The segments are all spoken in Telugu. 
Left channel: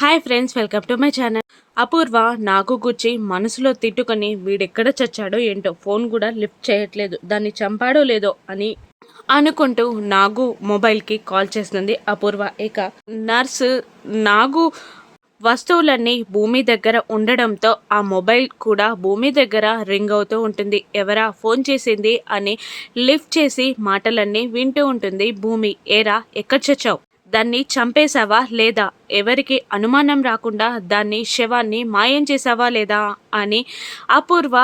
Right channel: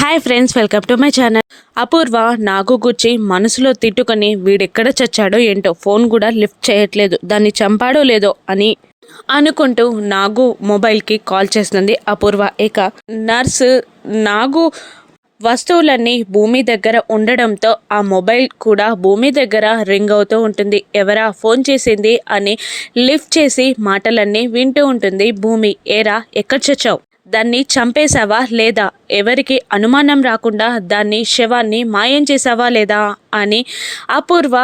Hi friends, welcome to my channel. అపూర్వ నాగు గుచ్చి మనసులో తిట్టుకొని వీడెక్కడ చచ్చాడో ఏంటో, ఫోన్ కూడా లిఫ్ట్ చేయట్లేదు, దాన్ని చంపాడో లేదో అని అనుకుంటూ నాగు మొబైల్కి కాల్ చేస్తుంది అపూర్వ. ఇక నర్సు నాగు వస్తువులన్నీ భూమి దగ్గర ఉండడంతో ఆ మొబైల్ కూడా భూమి దగ్గర రింగ్ అవుతూ ఉంటుంది. ఎవరా ఫోన్ చేసింది అని లిఫ్ట్ చేసి మాటలన్నీ వింటూ ఉంటుంది భూమి. ఏరా, ఎక్కడ చచ్చావు? దాన్ని చంపేశావా లేదా? ఎవరికి అనుమానం రాకుండా దాన్ని శవాన్ని మాయం చేశావా లేదా అని అపూర్వ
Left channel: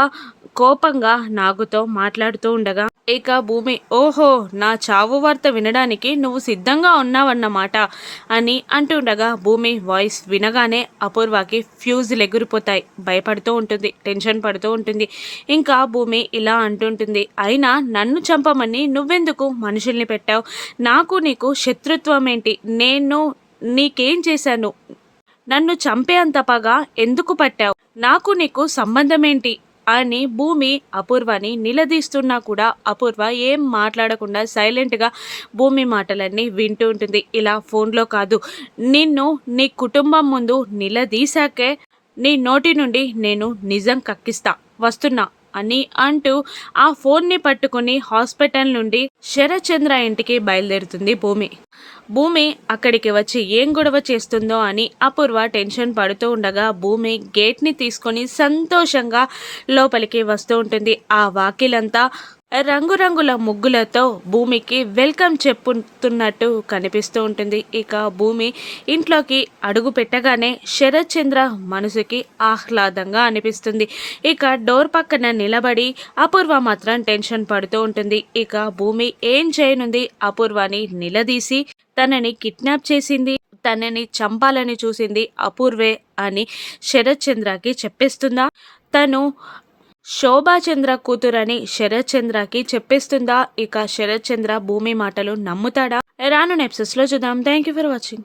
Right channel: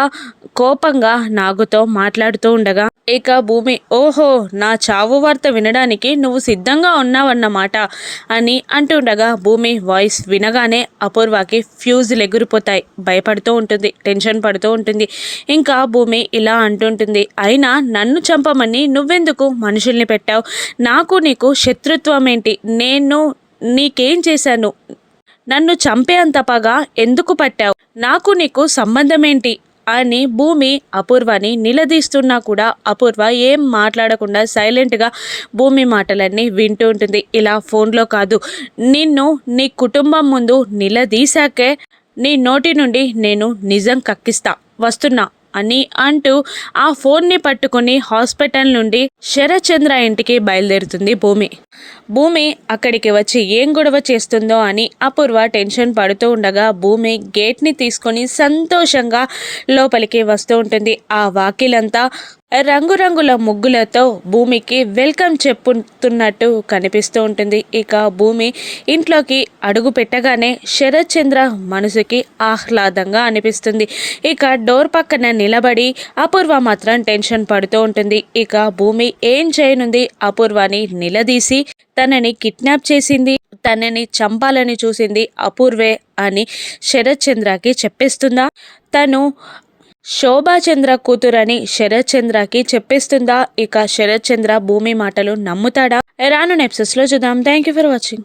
కోపంగా నాగుతో మాట్లాడుతూ ఉండగా, ఇక భూమి ఓహో, నా చావు వార్త వినడానికి నువ్వు సిద్ధంగా ఉన్నావన్నమాట అని అంటుండగా, భూమి వాయిస్ వినగానే అపూర్వకి ఫ్యూజులు ఎగిరిపోతాయి. భయపడుతూ ఉంటుంది, టెన్షన్ పడుతూ ఉంటుంది. ఇంకా భూమి ఇలా అంటుంటుంది, అయినా నన్ను చంపమని నువ్వెందుకు మనుషుల్ని పెట్టావు? నాకు నీకు శత్రుత్వం ఏంటి? నేను నీకేం చేశాను? నన్ను చంపే అంత పగ ఎందుకు పట్టావు? నాకు నీకు సంబంధం ఏంటి అని భూమి అపూర్వని నిలదీస్తున్నా కూడా అపూర్వ ఏం మాట్లాడకుండా సైలెంట్గా భూమి మాటలన్నీ వింటూ ఉంటుంది. ఇలా ఫోన్లో కాదు, నిన్ను నీ కుటుంబం ముందు నిలదీశాకే నీ నోటి నుండి నేను నిజం కక్కిస్తా, వస్తున్నా అని అంటూ ఆ ఫోన్ని పట్టుకుని హాస్పిటల్ నుండి శరత్చంద్ర ఇంటికి బయలుదేరుతుంది భూమి. భూమి అక్కడికి వచ్చి ఏం గొడవ చేస్తుందో అని అపూర్వ టెన్షన్ పడుతూ ఉండగా, భూమి గేట్ని తీసుకొని సంతోషంగా లోపలికి వస్తూ ఉంటుంది. ఆ వాకిలంతా రంగురంగుల ముగ్గులతో భూమికి వెల్కమ్ చెప్పుతున్నట్టు కనిపిస్తూ ఉంటుంది. ఇక భూమి ఇంట్లోకి అడుగు పెట్టగానే శరత్చంద్ర మనసుకి ఆహ్లాదంగా అనిపిస్తుంది. ఇక డోర్ పక్కన నిలబడి అపూర్వ మాత్రం టెన్షన్ పడుతూ ఉంటుంది. ఇక భూమి ఏం చేయనుంది? అపూర్వని నిలదీసి తనని కిడ్నాప్ చేసింది, తనని చంపాలని చూసింది అపూర్వే అని శరత్చంద్రకి చెప్పేస్తుందా? తను శోభాచంద్ర కూతురని శరత్చంద్రకి చెప్పేస్తుందా? ఇక శరత్చంద్ర భూమి మాటలు నమ్ముతాడా? రాను ఎపిసోడ్స్లో చూద్దాం. Thank you for watching.